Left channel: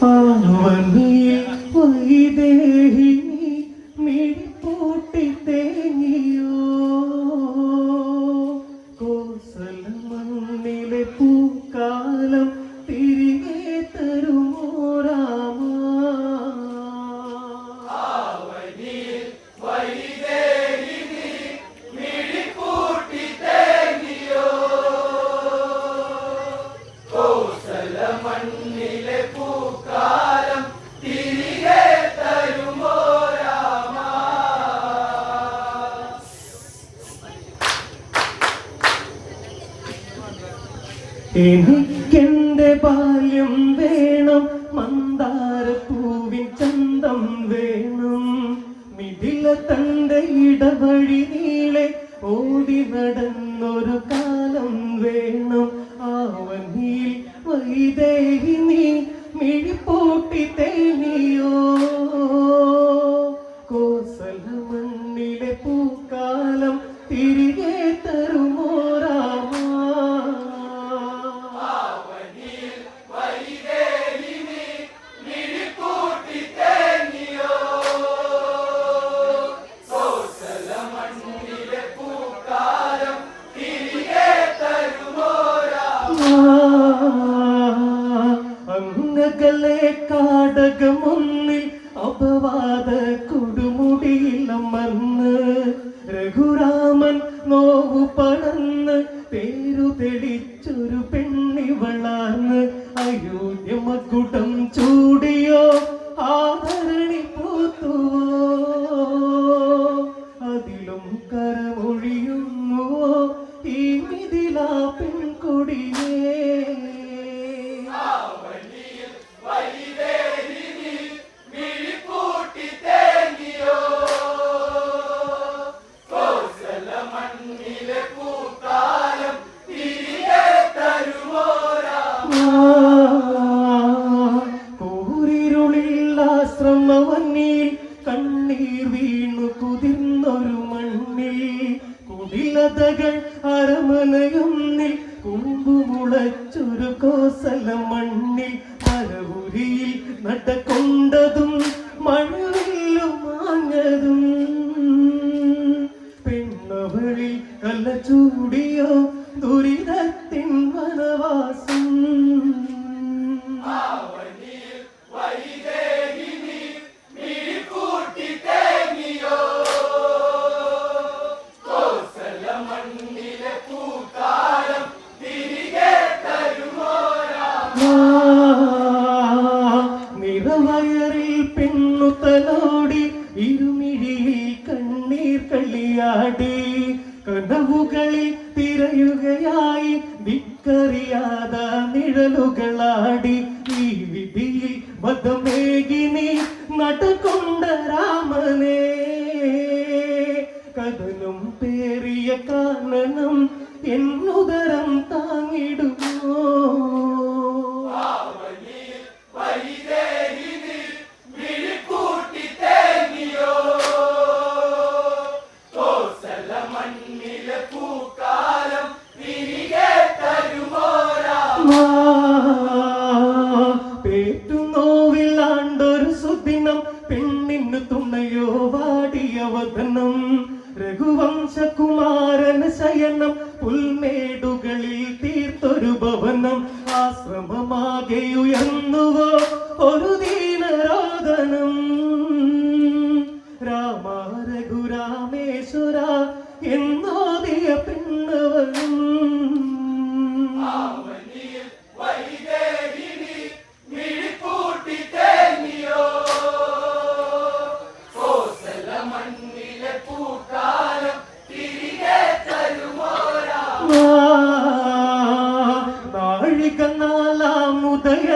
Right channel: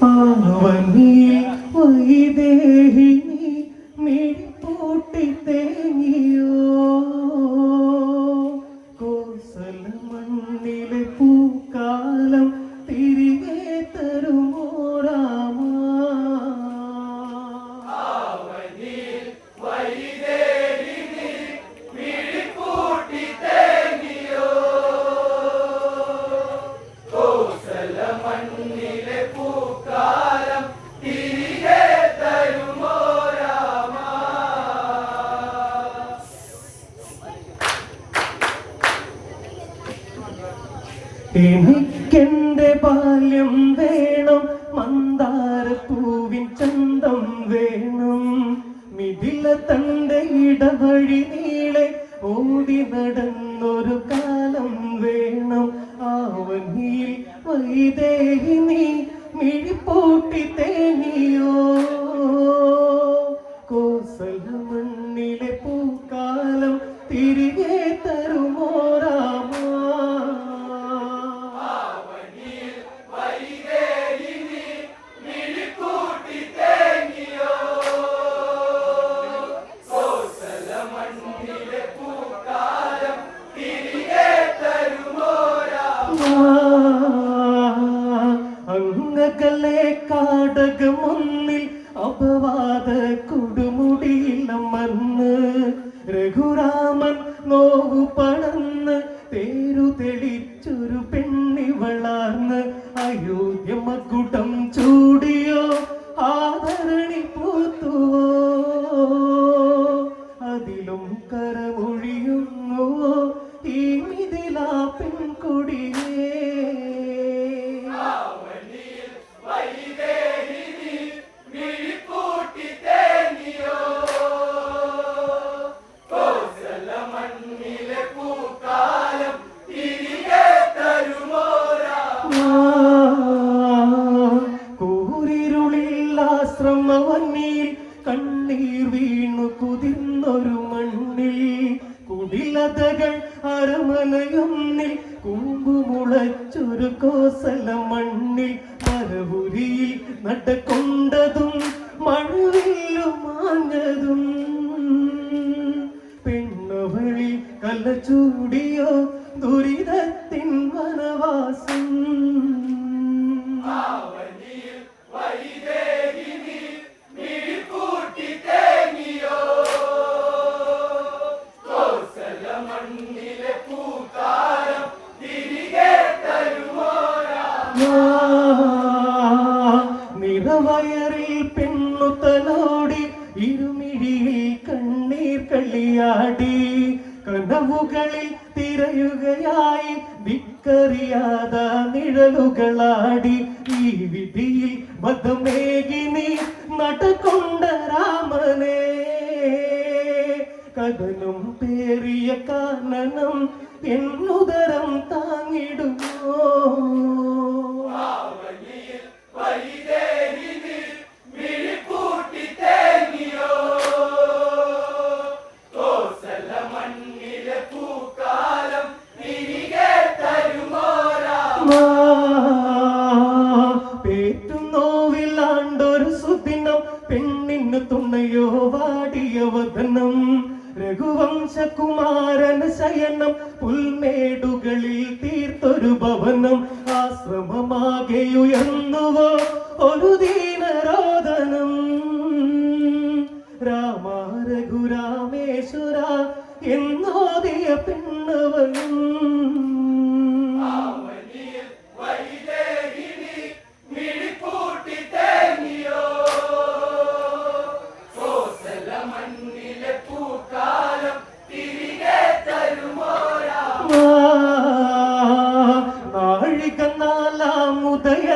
പാവനിൽ വൈദേഹി മിഴിപ്പൂട്ടി തേങ്ങിയോ കോസല മണ്ണിലെ പൂക്കാലം എനിക്കെന്റെ ബാല്യം വേണം മന്ദാരപ്പൂവിൻ ചന്തം വേണം. മിഥില തന്റെ ഇടവഴി നീളെ ഓടി നടന്നൊരു കാലം വേണം. ಇದೇ രഘുരാമൻ നോവു പടന്ന് തേരു തെളിച്ചൊരു പെണ്ണി വളർന്ന് അയോധ്യ മകുടം ചൂടിയോ ആദരണി പൂത്തുവോ? അതിലും കരമൊഴിയുമോ ഈ മിഥില പെൺകൊടിയേ കുതിർന്നൊരു മണ്ണിൽ കുടിലതകൾ അരമനയൊന്നിൽ കുമ്പുമുളച്ചൊരു കോസല മണ്ണിൽ മരവുരിയിൽ നടക്കൊണ്ടതും മഴവില്ലും മാഞ്ഞതും. പെണ്ണവളിൽ കല ചൂടിയോ ദുരിതത്തിൻ വനവാസം. നിറവയറിൽ ദിക്കറിയാത നിഴലുകളാടി ഈ വിധിയിൽ മതമേകിനി നടക്കൊണ്ട രാമനേ. കഥനം പേറിയ കാരണം എന്നുദരം താങ്ങിടുമോ? പേറ്റുനോവിലാണ്ടൊരു ഭവനം ആശ്രമമാകെ ഉയർന്നുവോ ഒരു ദീനരാധനം. രാമ രഘുരാമേശ്വര എന്നോദിയ പെണ്ണവനും